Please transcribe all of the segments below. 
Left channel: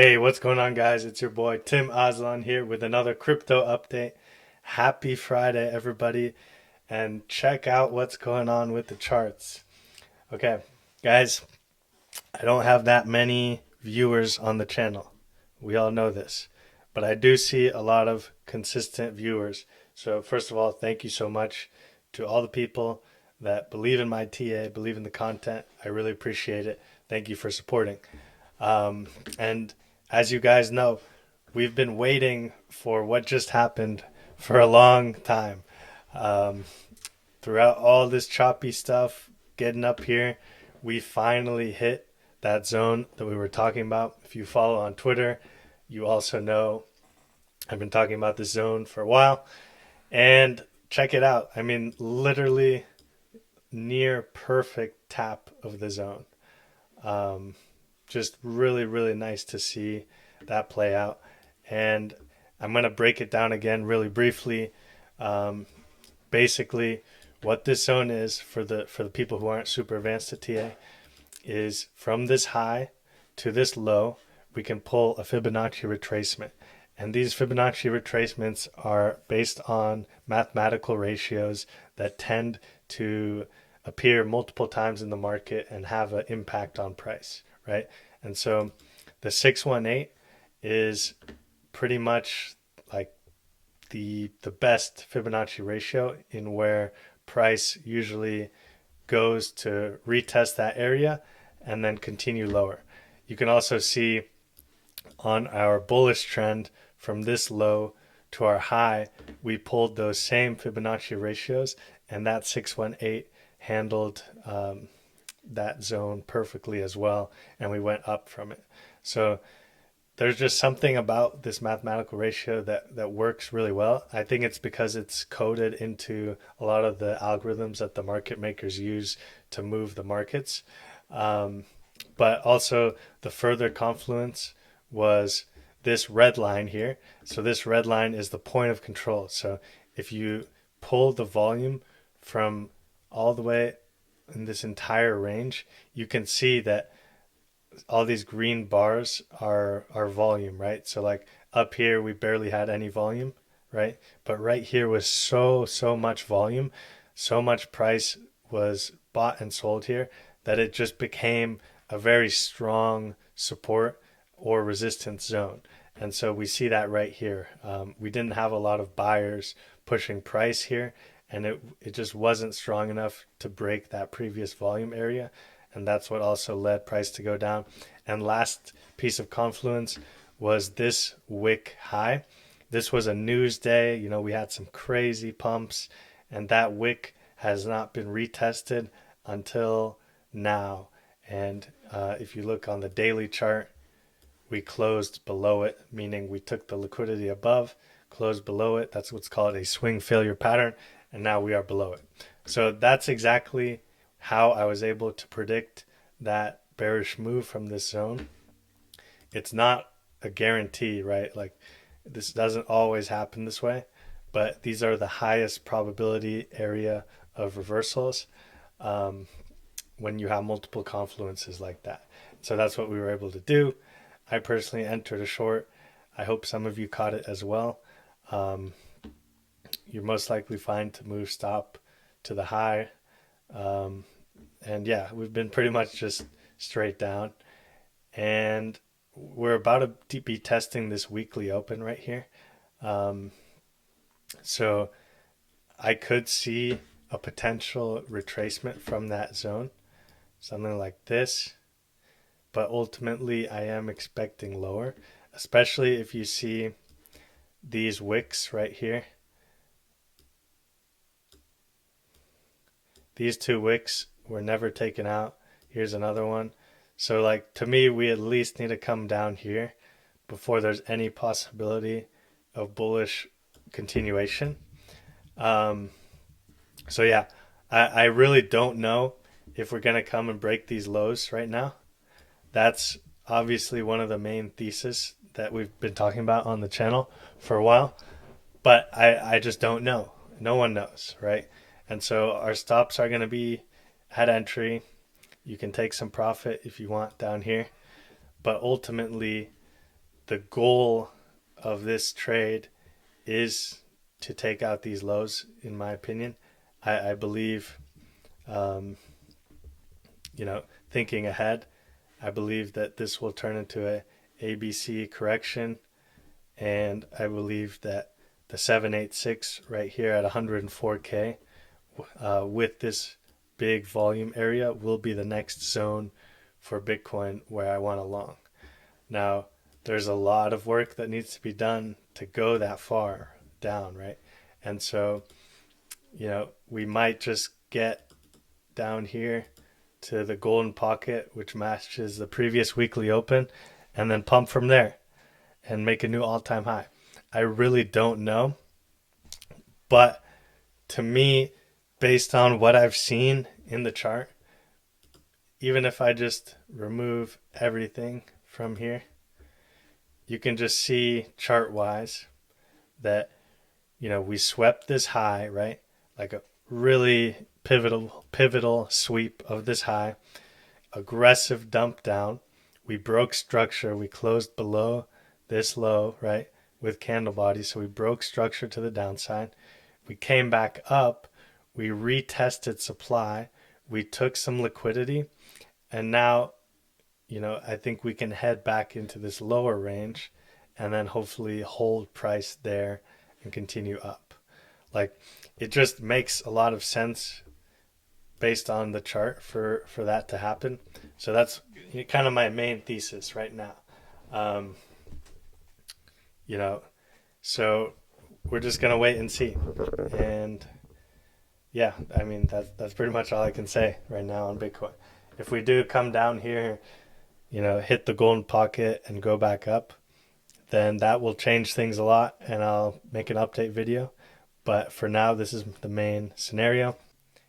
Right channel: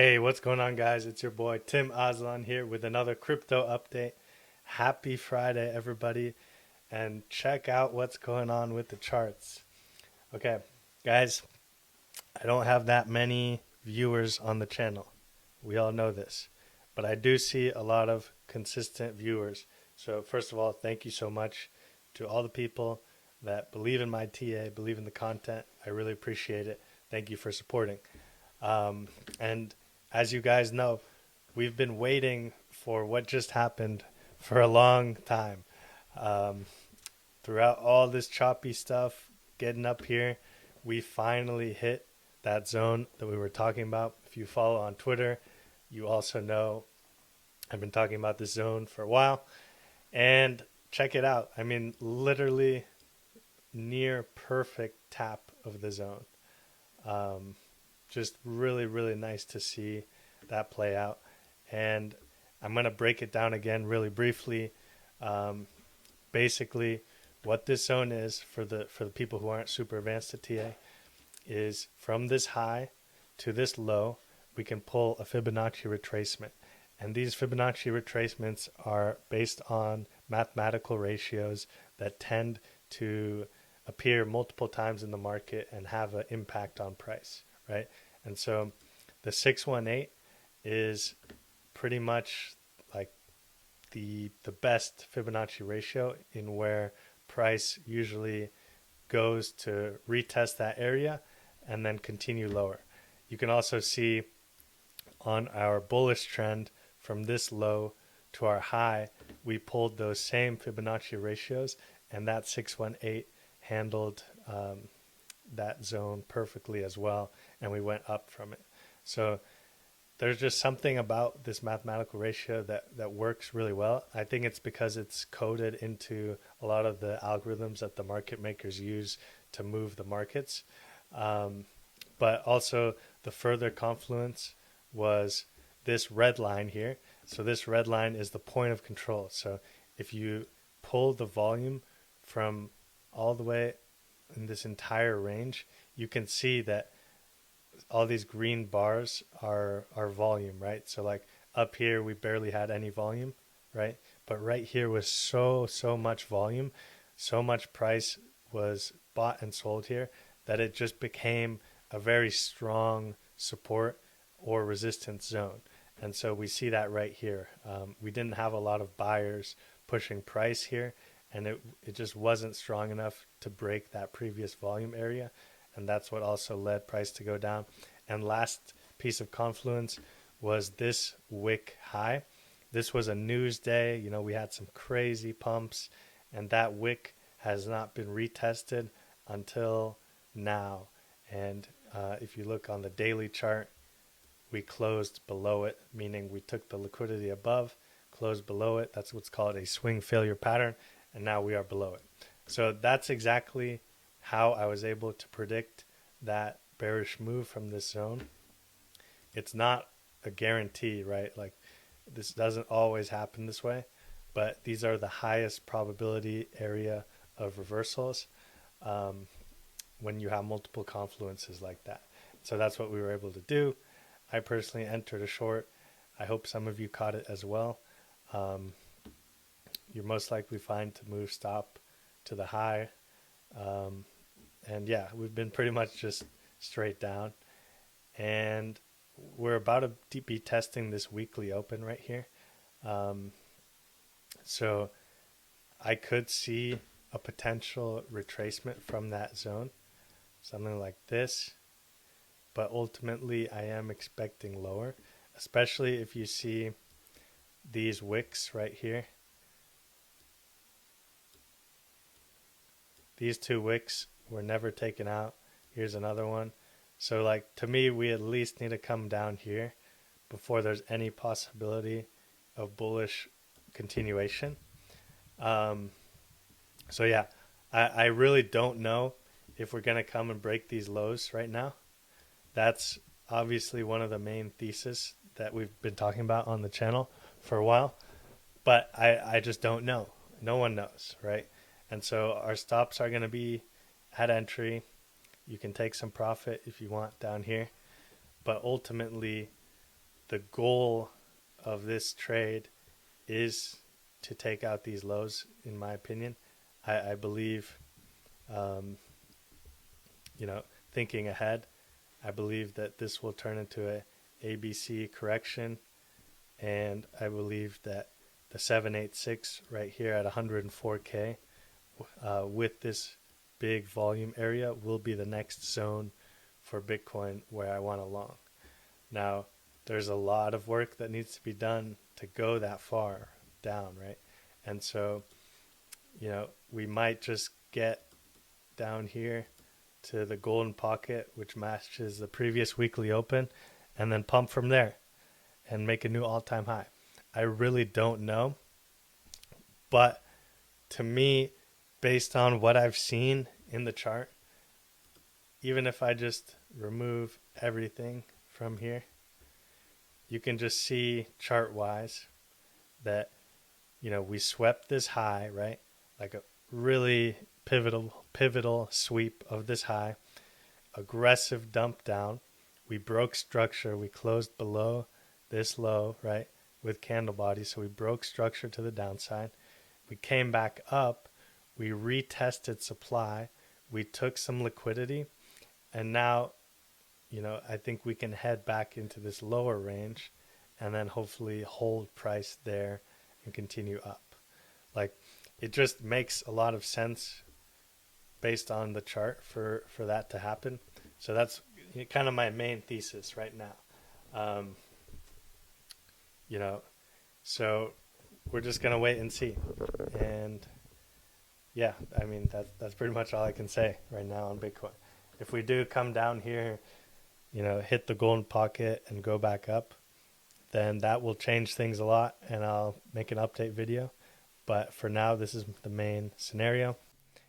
Hey, what's going on, guys? It's your boy Tim Aslan here with another crypto update. Happy Friday, everybody, and check out what's going on with the charts. Okay, guys, I don't have that many viewers on the channel. We all know this, but I do see a lot of consistent viewers. So, first of all, thank you so much to all the people that believe in my TA, believe in the content. I really appreciate it. Thank you for supporting. And as you guys know, we've been waiting for what just happened for a long time. Um, Throughout all this choppy stuff, getting up here, we finally hit that zone that we were talking about. If you follow on Twitter, you also know I've been talking about this zone for a while. And check it out. I mean, literally near perfect tap of the zone. Um, just really, really nice to see that play out. And I'm going to break it down again really briefly. Um, Basically, what this zone is for the people who aren't super advanced at TA is from this high to this low, we can pull a Fibonacci retracement. And these Fibonacci retracements are based on mathematical ratios that tend to appear multiple times in the market and have an impact on price, right? And so the 618 is pretty much like the best Fibonacci ratio in where price usually goes to retest that area and then continue lower. You can also see on our bullish trend from this low to our high, we pulled those same Fibonacci ratios, and that 618 handled that zone perfectly as well, and we went up from it. So there's just something about this mathematical ratio that works really well. I think it's because it's coded into a lot of the algorithms that the market makers use to move the markets. Um, but also, the further confluence was this red line here. So, this red line is the point of control. So, if you pull the volume from all the way in this entire range, you can see that all these green bars are volume, right? So like up here we barely had any volume, right? But right here was so much volume, so much price was bought and sold here that it just became a very strong support or resistance zone. And so we see that right here. We didn't have a lot of buyers pushing price here, and it just wasn't strong enough to break that previous volume area, and that's what also led price to go down. And last piece of confluence was this wick high. This was a news day. You know, we had some crazy pumps, and that wick has not been retested until now. And if you look on the daily chart, we closed below it, meaning we took the liquidity above, closed below it. That's what's called a swing failure pattern, and now we are below it. So that's exactly how I was able to predict that bearish move from this zone. It's not a guarantee, right? Like this doesn't always happen this way, but these are the highest probability area of reversals um, when you have multiple confluences like that. So that's what we were able to do. I personally entered a short. I hope some of you caught it as well. Um, you're most likely fine to move stop to the high. Um, and yeah, we've been pretty much just straight down. And we're about to be testing this weekly open right here. Um, so I could see a potential retracement from that zone, something like this. But ultimately, I am expecting lower, especially if you see these wicks right here. These two wicks were never taken out. Here's another one. So, like, to me, we at least need to come down here before there's any possibility of bullish continuation. Um, so, yeah, I really don't know if we're going to come and break these lows right now. That's obviously one of the main theses that we've been talking about on the channel for a while, but I just don't know. No one knows, right? And so our stops are going to be at entry. You can take some profit if you want down here, but ultimately, the goal of this trade is to take out these lows, in my opinion. I believe, um, thinking ahead, I believe that this will turn into a ABC correction, and I believe that the 786 right here at 104K with this big volume area will be the next zone for Bitcoin where I want to long. Now, there's a lot of work that needs to be done to go that far down, right? And so, we might just get down here to the golden pocket, which matches the previous weekly open, and then pump from there and make a new all-time high. I really don't know, but to me, based on what I've seen in the chart, even if I just remove everything from here, you can just see chart wise that, we swept this high, right? Like a really pivotal sweep of this high, aggressive dump down. We broke structure. We closed below this low, right? With candle bodies. So we broke structure to the downside. We came back up. We retested supply. We took some liquidity. And now, I think we can head back into this lower range and then hopefully hold price there and continue up. Like, it just makes a lot of sense based on the chart for that to happen. So that's kind of my main thesis right now. Um, so we're just gonna wait and see. And yeah, I mean that's pretty much all I can say right now on Bitcoin. If we do come down here, hit the golden pocket and go back up, then that will change things a lot, and I'll make an update video. But for now, this is the main scenario.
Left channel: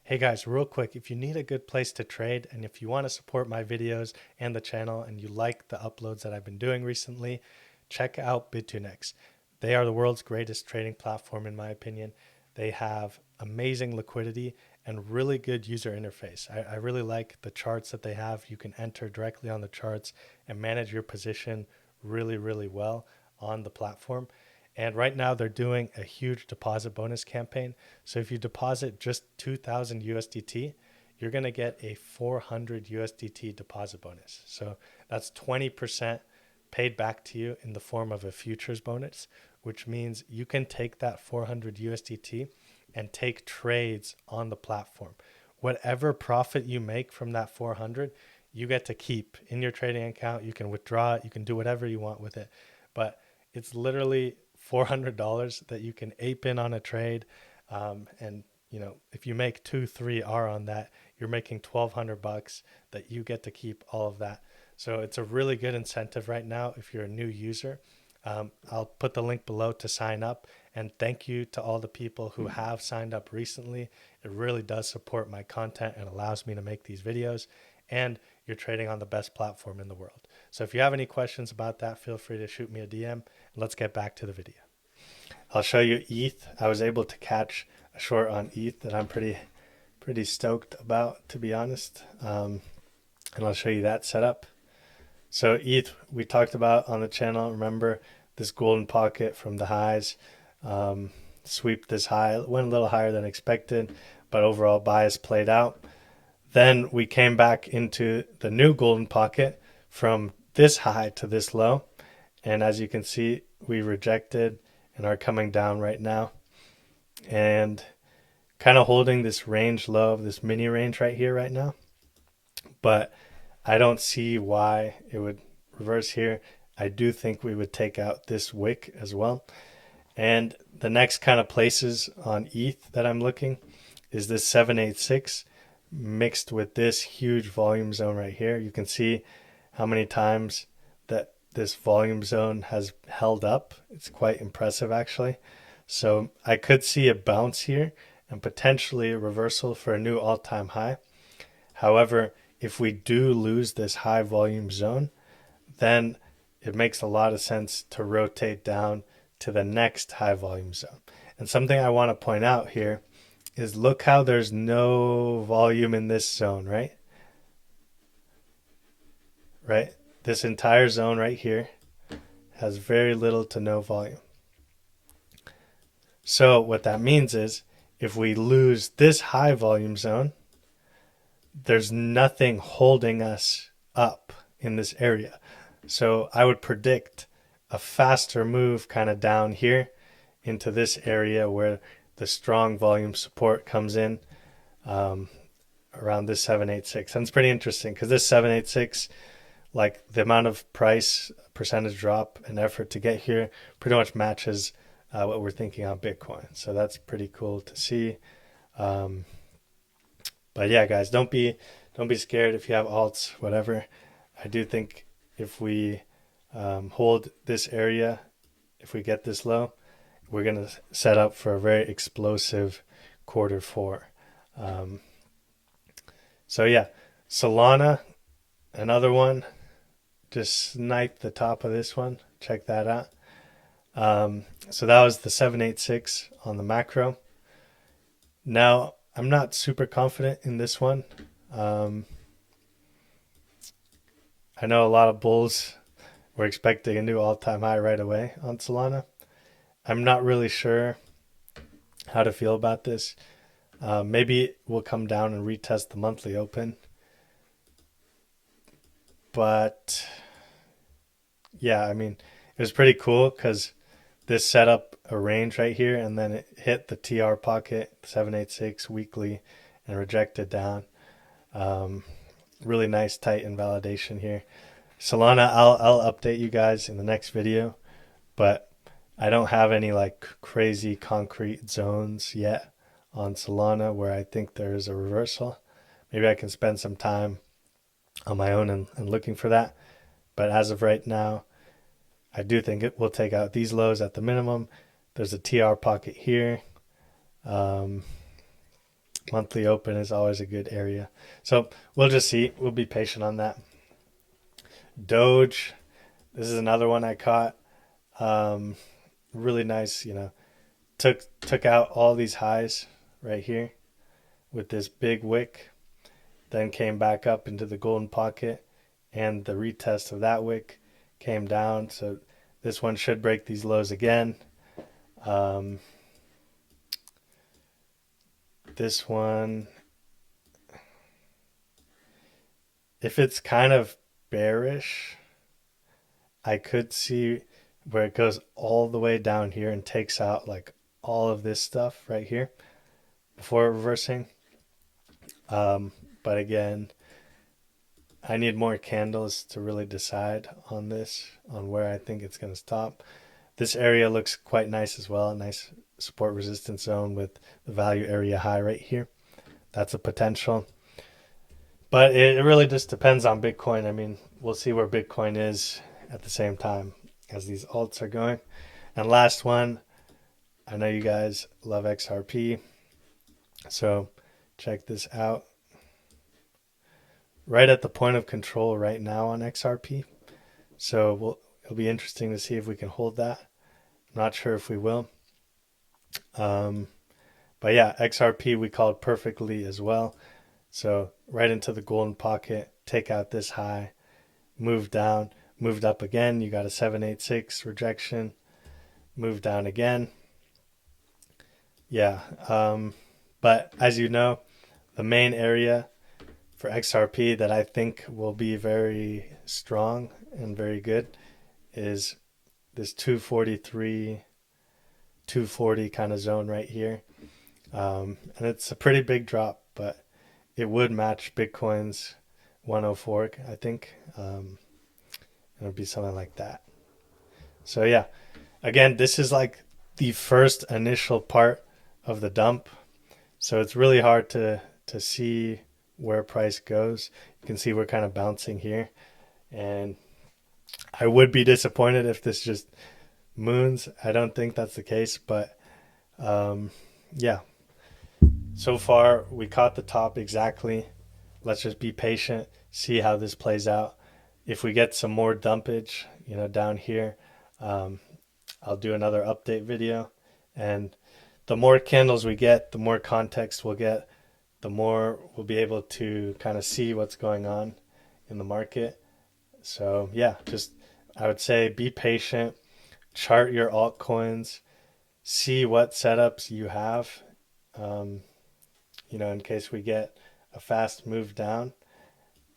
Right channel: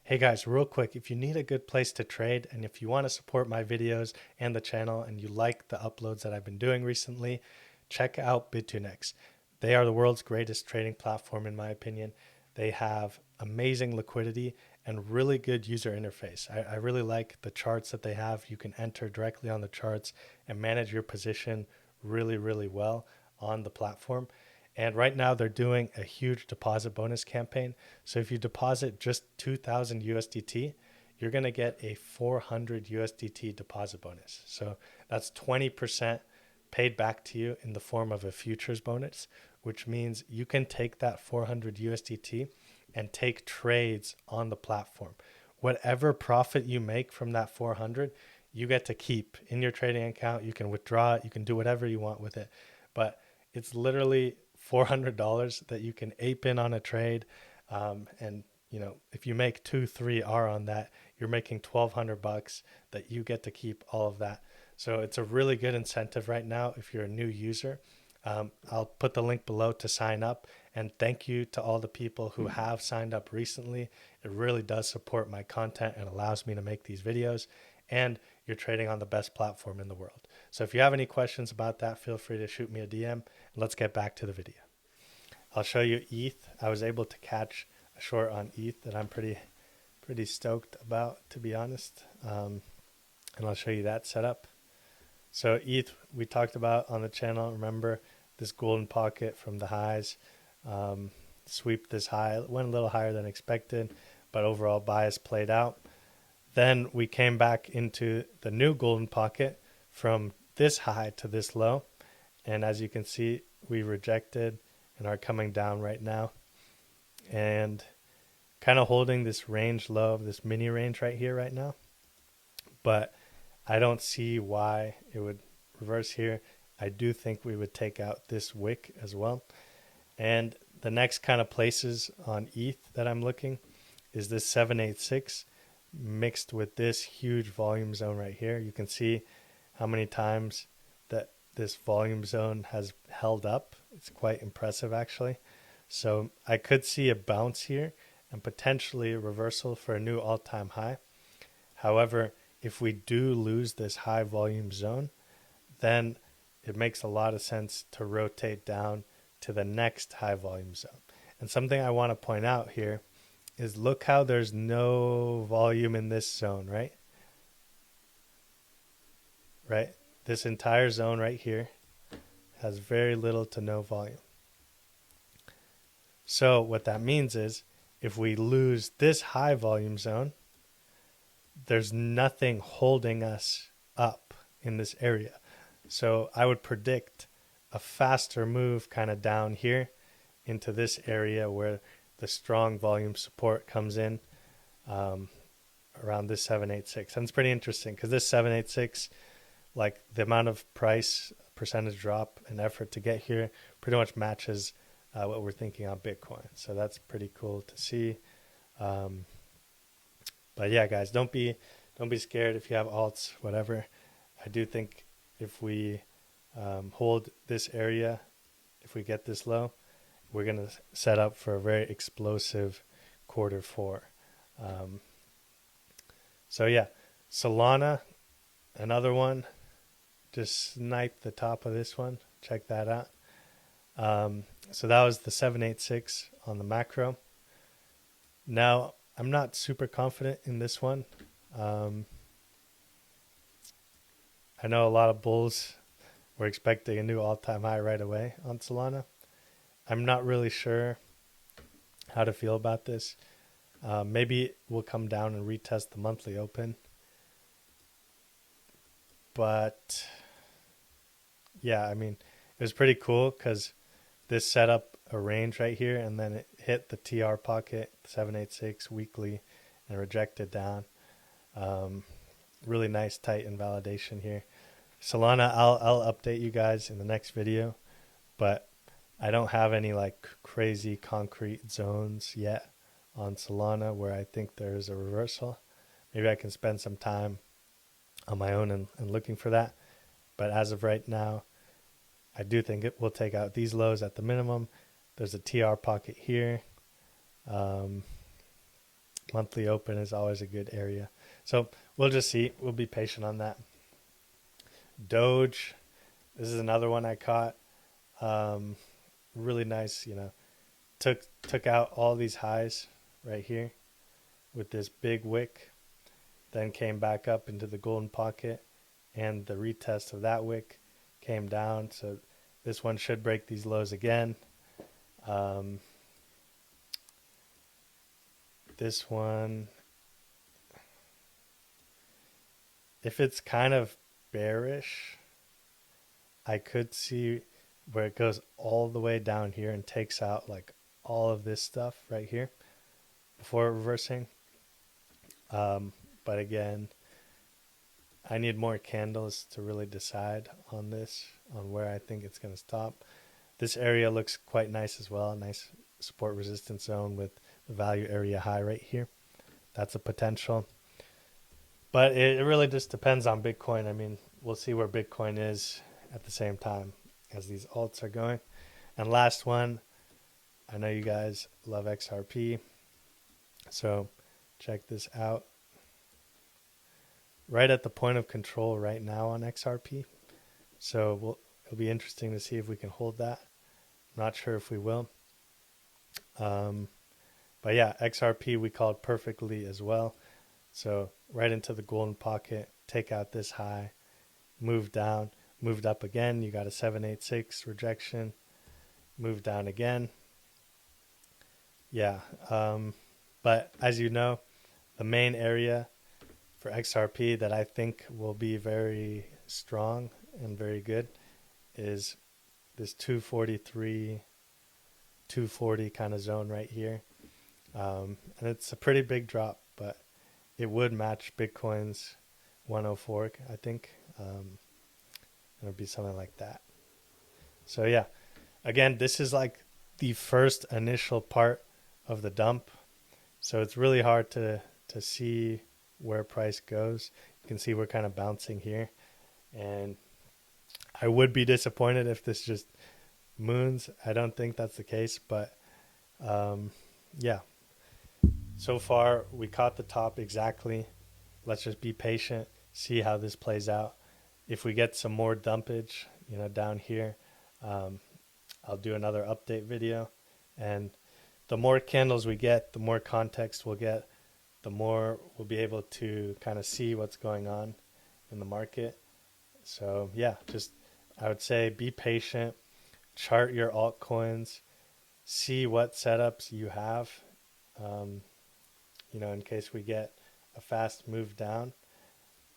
Hey guys, real quick, if you need a good place to trade and if you want to support my videos and the channel and you like the uploads that I've been doing recently, check out BitTuneX. They are the world's greatest trading platform in my opinion. They have amazing liquidity and really good user interface. I really like the charts that they have. You can enter directly on the charts and manage your position really, really well on the platform. And right now they're doing a huge deposit bonus campaign. So if you deposit just 2,000 USDT, you're going to get a 400 USDT deposit bonus. So that's 20% paid back to you in the form of a futures bonus, which means you can take that 400 USDT and take trades on the platform. Whatever profit you make from that 400, you get to keep in your trading account. You can withdraw it. You can do whatever you want with it. But it's literally $400 that you can ape in on a trade. And if you make 2-3 R on that, you're making $1,200 that you get to keep all of that. So it's a really good incentive right now if you're a new user. I'll put the link below to sign up, and thank you to all the people who have signed up recently. It really does support my content and allows me to make these videos, and you're trading on the best platform in the world. So if you have any questions about that, feel free to shoot me a DM, and let's get back to the video. I'll show you ETH. I was able to catch a short on ETH that I'm pretty stoked about, to be honest. And I'll show you that setup. So ETH, we talked about on the channel. Remember this golden pocket from the highs, sweep this high, went a little higher than expected, but overall bias played out. Then we came back into the new golden pocket from this high to this low. And as you can see, we rejected and are coming down right now. And kind of holding this range low, this mini range right here right now. But I don't see why it would reverse here. I do think we would take out this wick as well. And the next kind of places on ETH that I'm looking is this 786 mixed with this huge volume zone right here. You can see how many times that this volume zone has held up. It's quite impressive actually. So I could see a bounce here and potentially a reversal for a new all-time high. However, if we do lose this high volume zone, then it makes a lot of sense to rotate down to the next high volume zone. And something I want to point out here is look how there's no volume in this zone, right? Right? This entire zone right here has very little to no volume. So what that means is if we lose this high volume zone, there's nothing holding us up in this area. So I would predict a faster move kind of down here into this area where the strong volume support comes in, um, around this 786. And it's pretty interesting because this 786, like the amount of price percentage drop and effort to get here pretty much matches what we're thinking on Bitcoin. So that's pretty cool to see. Um, but yeah, guys, don't be scared if you have alts, whatever. I do think if we hold this area, if we get this low, we're going to set up for a very explosive quarter four. Um, so yeah, Solana, another one. Just snipe the top of this one. Check that out. So that was the 786 on the macro. Now, I'm not super confident in this one. Um, I know a lot of bulls were expecting a new all-time high right away on Solana. I'm not really sure how to feel about this. Maybe we'll come down and retest the monthly open. But yeah, I mean, it was pretty cool because this set up a range right here and then it hit the TR pocket, 786 weekly, and rejected down. Um, Really nice tight invalidation here. Solana, I'll update you guys in the next video, but I don't have any like crazy concrete zones yet on Solana where I think there is a reversal. Maybe I can spend some time on my own and looking for that. But as of right now, I do think it will take out these lows at the minimum. There's a TR pocket here. Um, Monthly open is always a good area. So we'll just see. We'll be patient on that. Doge, this is another one I caught. Um, Really nice, took out all these highs right here with this big wick, then came back up into the golden pocket, and the retest of that wick came down. So this one should break these lows again. Um, this one, if it's kind of bearish, I could see where it goes all the way down here and takes out like all of this stuff right here before reversing. But again, I need more candles to really decide on this, on where I think it's going to stop. This area looks quite nice as well. A nice support resistance zone with the value area high right here. That's a potential. But it really just depends on Bitcoin. I mean, we'll see where Bitcoin is at the same time as these alts are going. And last one, I know you guys love XRP. So check this out. Right at the point of control right now on XRP. So it'll be interesting to see if we can hold that. I'm not sure if we will. But yeah, XRP we called perfectly as well. So right into the golden pocket, take out this high, move down, moved up again. You got a 786 rejection, move down again. Yeah. But as you know, the main area for XRP that I think will be very strong and very good is this 243, 240 kind of zone right here. And it's a pretty big drop, but it would match Bitcoin's 104, I think. It would be something like that. So yeah, again, this is like the first initial part of the dump. So it's really hard to see where price goes. You can see we're kind of bouncing here. And I would be disappointed if this just moons. I don't think that's the case, but yeah. So far, we caught the top exactly. Let's just be patient, see how this plays out. If we get some more dumpage, down here, I'll do another update video. And the more candles we get, the more context we'll get, the more we'll be able to kind of see what's going on in the market. So yeah, just I would say be patient, chart your altcoins, see what setups you have, um, in case we get a fast move down,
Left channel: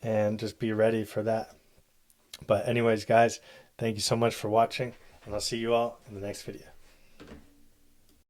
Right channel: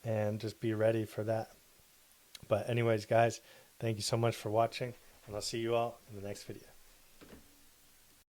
and just be ready for that. But anyways, guys, thank you so much for watching, and I'll see you all in the next video.